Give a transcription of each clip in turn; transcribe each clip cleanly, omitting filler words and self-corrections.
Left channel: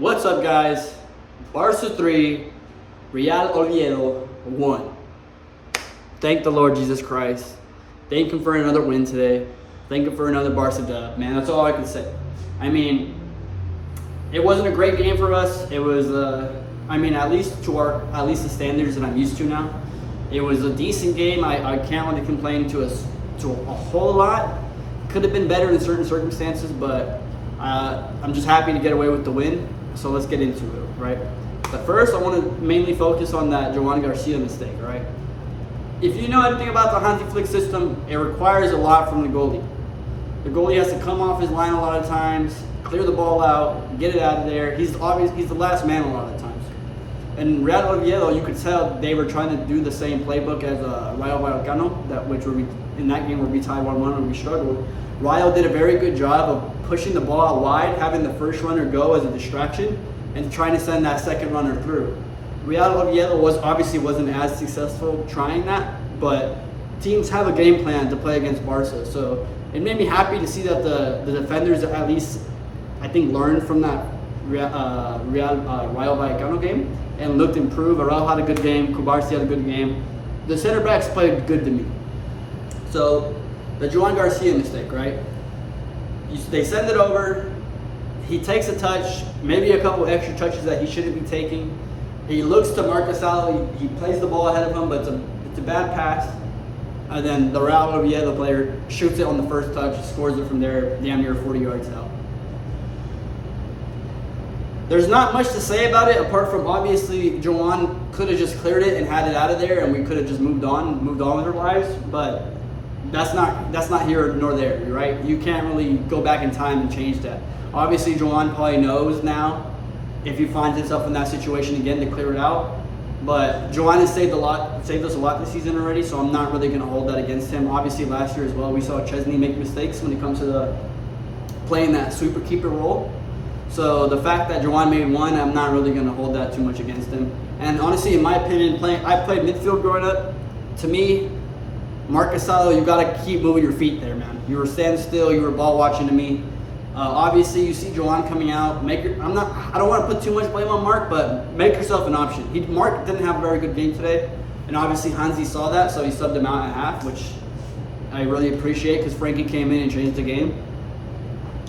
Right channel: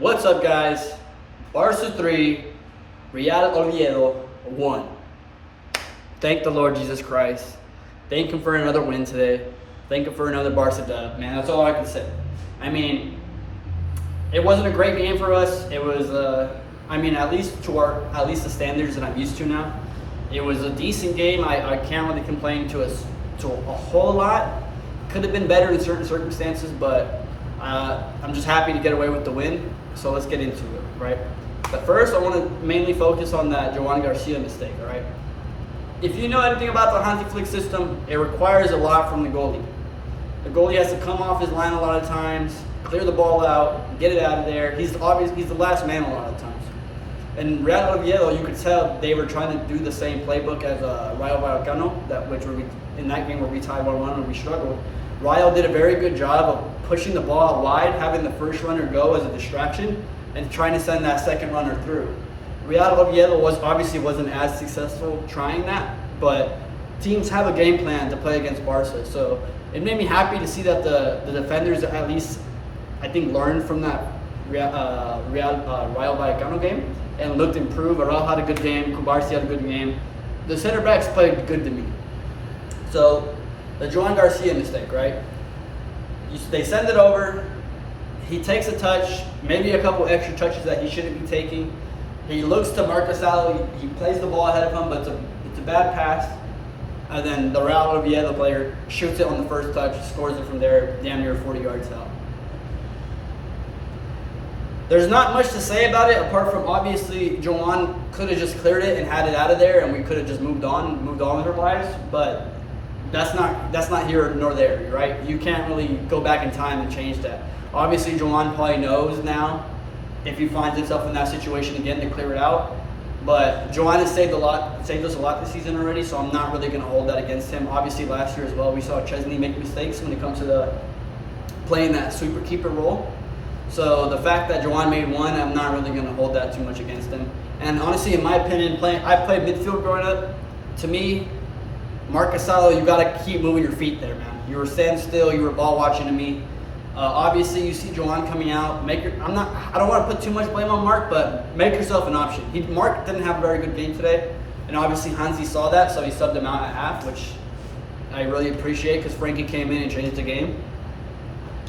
What's up, guys? Barca 3, Real Oviedo 1. Thank the Lord Jesus Christ. Thank Him for another win today. Thank Him for another Barca dub. Man, that's all I can say. I mean, it wasn't a great game for us. It was, at least the standards that I'm used to now. It was a decent game. I can't really complain to a whole lot. Could have been better in certain circumstances, but I'm just happy to get away with the win. So let's get into it, right? But first, I want to mainly focus on that Joan Garcia mistake, all right? If you know anything about the Hansi Flick system, it requires a lot from the goalie. The goalie has to come off his line a lot of times, clear the ball out, get it out of there. He's the last man a lot of times. And Real Oviedo, you could tell they were trying to do the same playbook as Rayo Vallecano, in that game where we tied 1-1 and we struggled. Rayo did a very good job of pushing the ball out wide, having the first runner go as a distraction, and trying to send that second runner through. Real Oviedo wasn't as successful trying that, but teams have a game plan to play against Barca. So it made me happy to see that the defenders at least, I think, learned from that Rayo Vallecano game and looked improved. Araujo had a good game. Kubarsi had a good game. The center backs played good to me. So the Joan Garcia mistake, right? They send it over. He takes a touch, maybe a couple extra touches that he shouldn't be taking. He looks to Marcus Alli. He plays the ball ahead of him, but it's a bad pass. And then the Real Oviedo player shoots it on the first touch, scores it from there, damn near 40 yards out. There's not much to say about it, apart from obviously Joan could have just cleared it and had it out of there, and we could have just moved on with our lives. But that's not here nor there, right? You can't really go back in time and change that. Obviously, Joan probably knows now if he finds himself in that situation again to clear it out. But Joan has saved us a lot this season already, so I'm not really going to hold that against him. Obviously, last year as well, we saw Chesney make mistakes when it comes to playing that sweeper keeper role. So the fact that Joan made one, I'm not really going to hold that too much against him. And honestly, in my opinion, I played midfield growing up. To me, Marcus Alli, you got to keep moving your feet there, man. You were standing still. You were ball watching to me. Obviously, you see Joan coming out. I don't want to put too much blame on Mark, but make yourself an option. Mark didn't have a very good game today, and obviously Hansi saw that, so he subbed him out at half, which I really appreciate because Frankie came in and changed the game.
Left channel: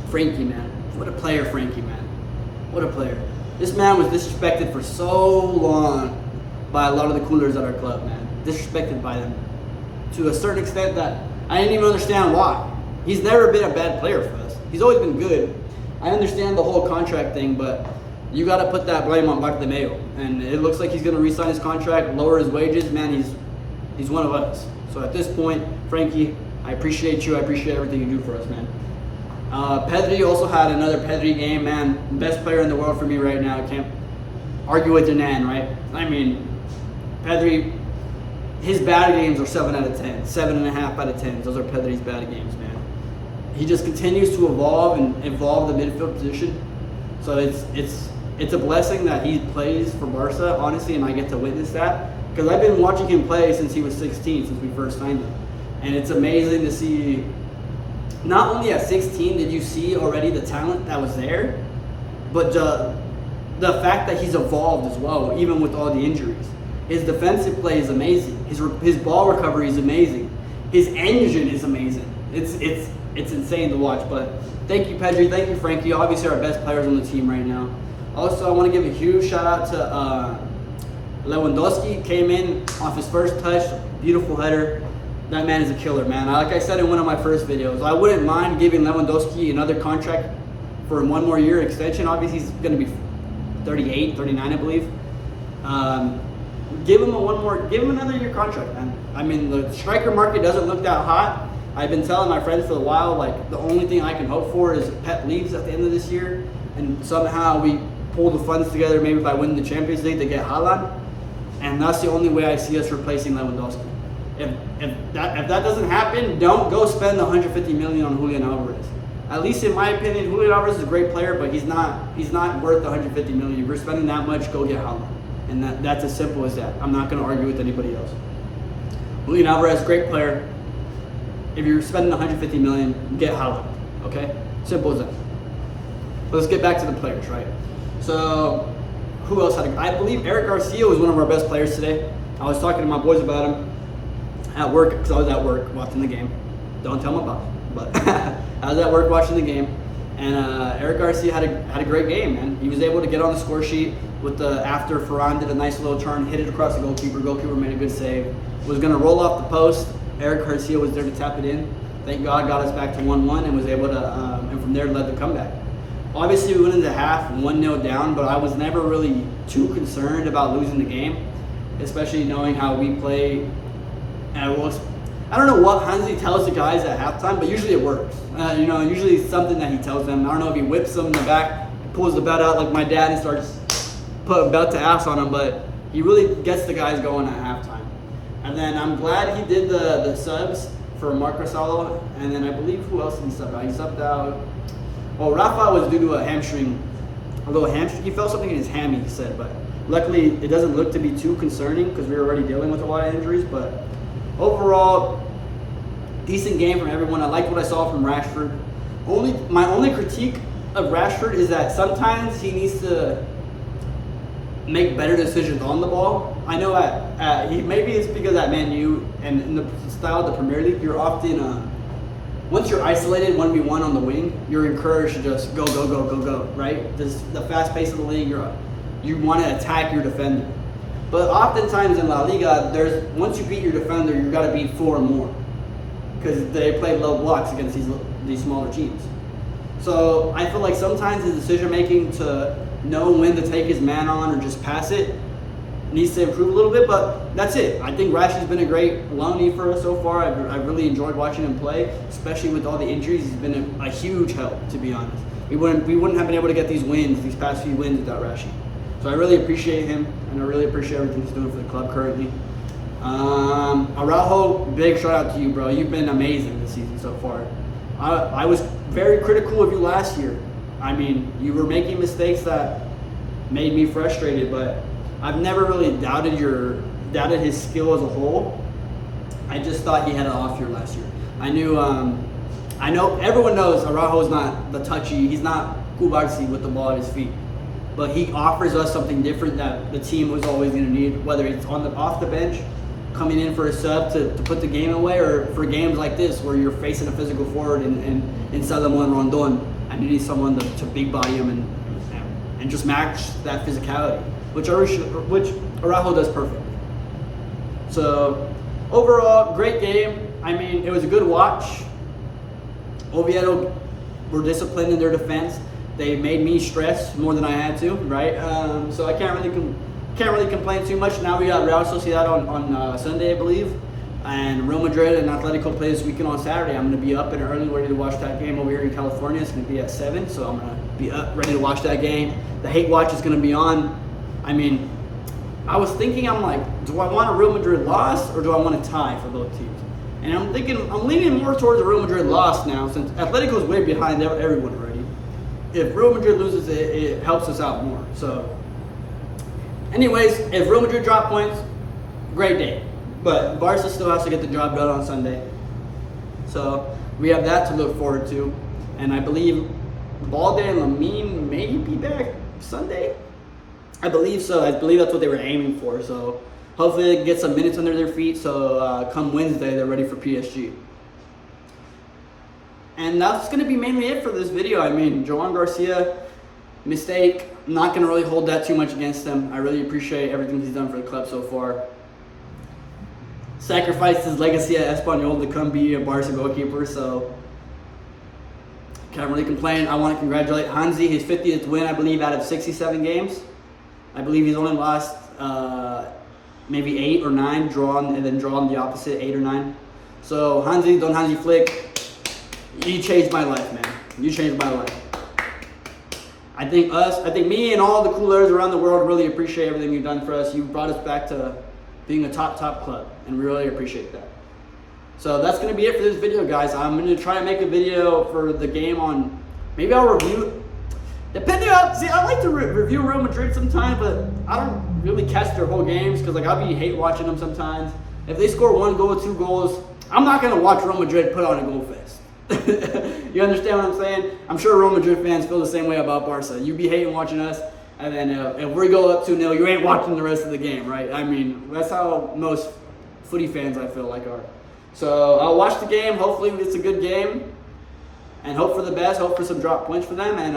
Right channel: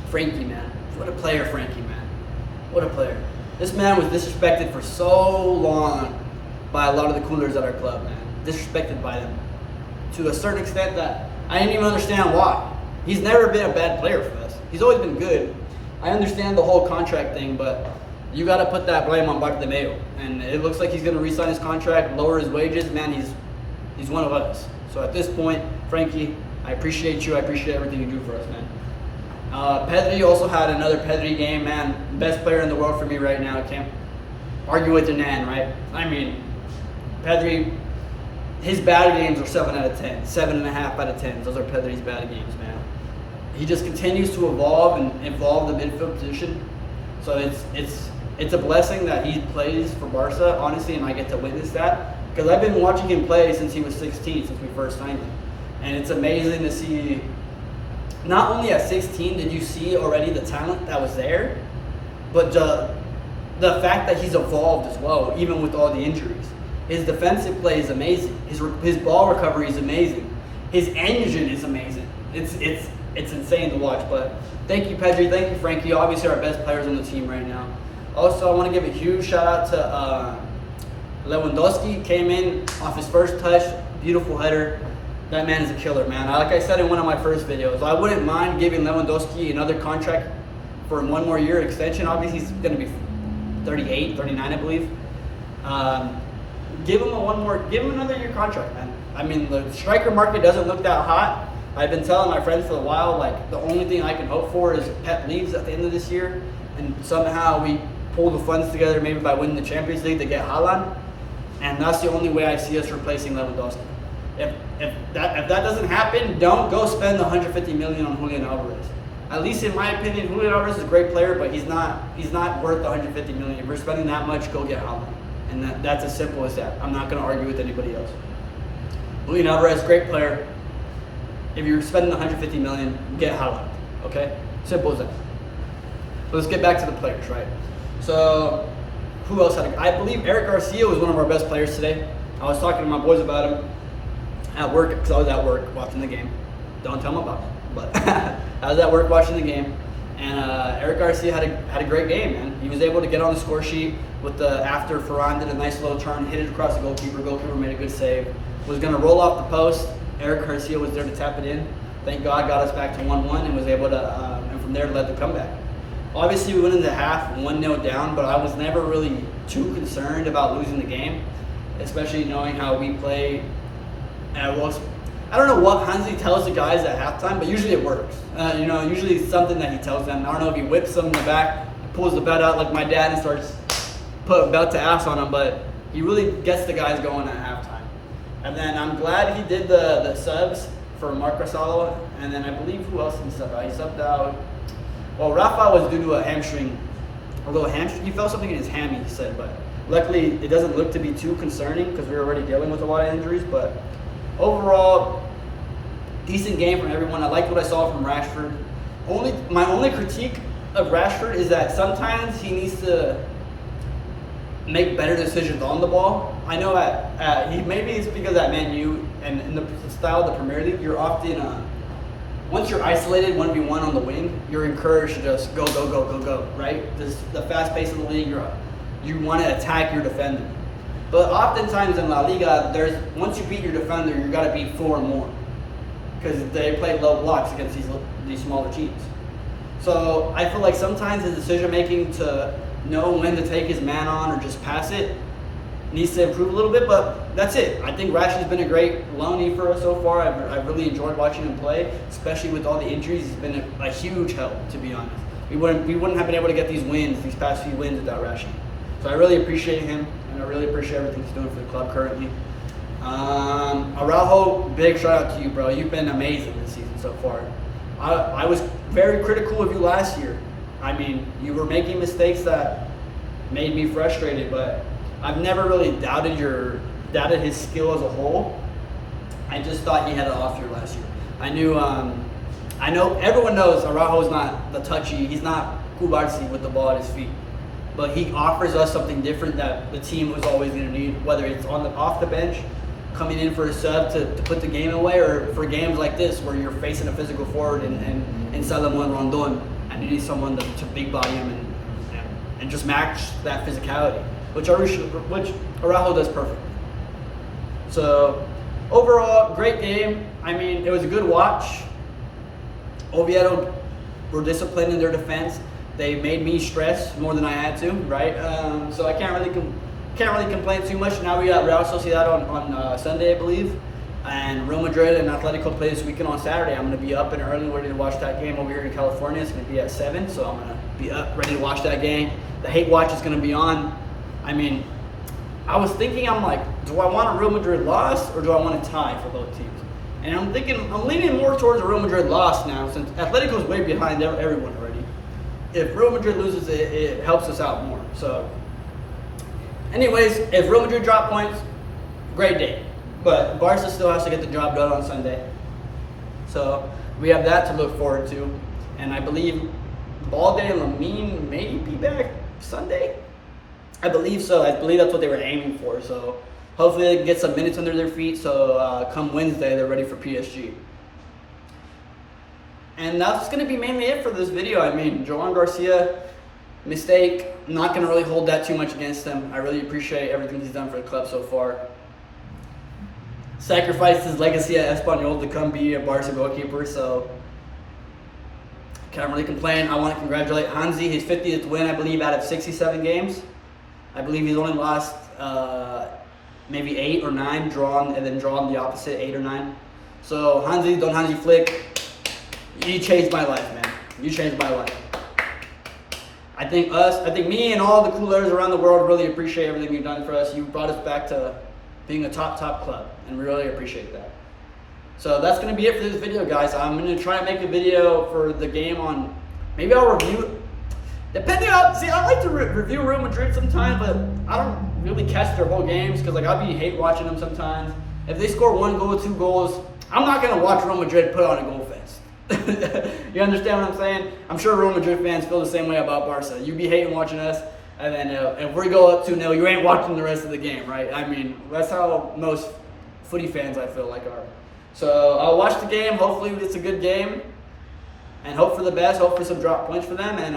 Frankie, man. What a player, Frankie, man. What a player. This man was disrespected for so long by a lot of the coolers at our club, man. Disrespected by them to a certain extent that I didn't even understand why. He's never been a bad player for us. He's always been good. I understand the whole contract thing, but you got to put that blame on Bartomeu. And it looks like he's going to re-sign his contract, lower his wages. Man, he's one of us. So at this point, Frankie, I appreciate you. I appreciate everything you do for us, man. Pedri also had another Pedri game, man. Best player in the world for me right now. I can't argue with Hernan, right? I mean, Pedri, his bad games are 7 out of 10, 7.5 out of 10. Those are Pedri's bad games, man. He just continues to evolve the midfield position. So it's a blessing that he plays for Barca, honestly, and I get to witness that. Because I've been watching him play since he was 16, since we first signed him. And it's amazing to see, not only at 16 did you see already the talent that was there, but the fact that he's evolved as well, even with all the injuries. His defensive play is amazing. His ball recovery is amazing. His engine is amazing. It's insane to watch. But thank you, Pedri. Thank you, Frankie. Obviously, our best players on the team right now. Also, I want to give a huge shout out to Lewandowski. Came in off his first touch. Beautiful header. That man is a killer, man. Like I said in one of my first videos, I wouldn't mind giving Lewandowski another contract for 1 more year extension. Obviously, he's going to be 38, 39, I believe. Give him another year contract, man. I mean, the striker market doesn't look that hot. I've been telling my friends for a while, like, the only thing I can hope for is Pep leaves at the end of this year, and somehow we pull the funds together, maybe by winning the Champions League to get Haaland, and that's the only way I see us replacing Lewandowski. If that doesn't happen, don't go spend the $150 million on Julian Alvarez. At least in my opinion, Julian Alvarez is a great player, but he's not worth the $150 million. If you're spending that much, go get Haaland. And that's as simple as that. I'm not going to argue with anybody else. Julian Alvarez, great player. If you're spending $150 million, get Haaland. Okay? Simple as that. Let's get back to the players, right? So who else I believe Eric Garcia was one of our best players today. I was talking to my boys about him at work, because I was at work watching the game. Don't tell them about it, but I was at work watching the game, and Eric Garcia had a great game, man. He was able to get on the score sheet with after Ferran did a nice little turn, hit it across the goalkeeper. Goalkeeper made a good save. Was going to roll off the post. Eric Garcia was there to tap it in. Thank God, got us back to 1-1 and was able to, and from there led the comeback. Obviously, we went into half 1-0 down, but I was never really too concerned about losing the game, especially knowing how we play. And I don't know what Hansi tells the guys at halftime, but usually it works. Usually it's something that he tells them. I don't know if he whips them in the back, pulls the belt out like my dad and starts putting belt to ass on them, but he really gets the guys going at halftime. And then I'm glad he did the subs for Marc Rosalo, and then I believe who else did he sub out? He subbed out. Well, Rafa was due to a little hamstring. He felt something in his hammy, he said, but luckily it doesn't look to be too concerning because we're already dealing with a lot of injuries. But overall, decent game from everyone. I liked what I saw from Rashford. My only critique of Rashford is that sometimes he needs to make better decisions on the ball. I know maybe it's because at Man U and in the style of the Premier League, you're often once you're isolated 1v1 on the wing, you're encouraged to just go, right? The fast pace of the league, you want to attack your defender. But oftentimes in La Liga, once you beat your defender, you've got to beat 4 more, because they play low blocks against these smaller teams. So I feel like sometimes his decision making to know when to take his man on or just pass it needs to improve a little bit, but that's it. I think Rashi's been a great loanee for us so far. I've really enjoyed watching him play, especially with all the injuries. He's been a huge help, to be honest. We wouldn't have been able to get these past few wins without Rashi. So I really appreciate him, and I really appreciate everything he's doing for the club currently. Araujo, big shout out to you, bro. You've been amazing this season so far. I was very critical of you last year. I mean, you were making mistakes that made me frustrated, but I've never really doubted his skill as a whole. I just thought he had an off year last year. I know everyone knows Araujo's not the touchy. He's not Kubarsi with the ball at his feet, but he offers us something different that the team was always going to need, whether it's off the bench, coming in for a sub to put the game away, or for games like this where you're facing a physical forward in Salomon Rondon and you need someone to big body him and just match that physicality, which Araujo does perfectly. So overall, great game. I mean, it was a good watch. Oviedo were disciplined in their defense. They made me stress more than I had to, right? So I can't really complain too much. Now we got Real Sociedad on Sunday, I believe, and Real Madrid and Atletico play this weekend on Saturday. I'm going to be up and early, ready to watch that game over here in California. It's going to be at 7, so I'm going to be up, ready to watch that game. The hate watch is going to be on. I mean, I was thinking, I'm like, do I want a Real Madrid loss or do I want a tie for both teams? And I'm leaning more towards a Real Madrid loss now, since Atletico's way behind everyone already. If Real Madrid loses, it helps us out more. So, anyways, if Real Madrid drop points, great day. But Barca still has to get the job done on Sunday. So we have that to look forward to. And I believe Balde and Lamine may be back Sunday. I believe so. I believe that's what they were aiming for. So hopefully they can get some minutes under their feet. So come Wednesday, they're ready for PSG. And that's going to be mainly it for this video. I mean, Joan Garcia, mistake. I'm not going to really hold that too much against him. I really appreciate everything he's done for the club so far. Sacrificed his legacy at Espanyol to come be a Barca goalkeeper, so can't really complain. I want to congratulate Hansi, his 50th win, I believe, out of 67 games. I believe he's only lost maybe 8 or 9, drawn the opposite, 8 or 9. So Hansi, Don Hansi Flick, you changed my life, man. You changed my life. I think me and all the coolers around the world really appreciate everything you've done for us. You brought us back to being a top club, and we really appreciate that. So that's going to be it for this video, guys. I'm going to try and make a video for the game on, maybe I'll review, depending on, see, I like to review Real Madrid sometimes, but I don't really catch their whole games, because like I'll be hate watching them sometimes. If they score 1 goal, 2 goals, I'm not going to watch Real Madrid put on a goal fest. You understand what I'm saying? I'm sure Real Madrid fans feel the same way about Barca. You be hating watching us. And then if we go up 2-0, you ain't watching the rest of the game, right? I mean, that's how most footy fans, I feel like, are. So I'll watch the game. Hopefully it's a good game. And hope for the best. Hope for some drop points for them. And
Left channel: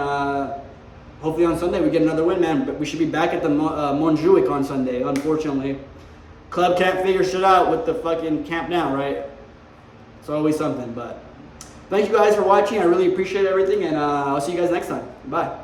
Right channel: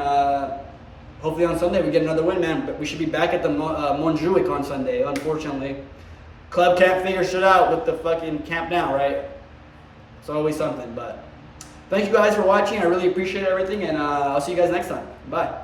hopefully on Sunday we get another win, man. But we should be back at the Montjuic on Sunday, unfortunately. Club can't figure shit out with the fucking camp now, right? It's always something. But thank you guys for watching. I really appreciate everything. And I'll see you guys next time. Bye.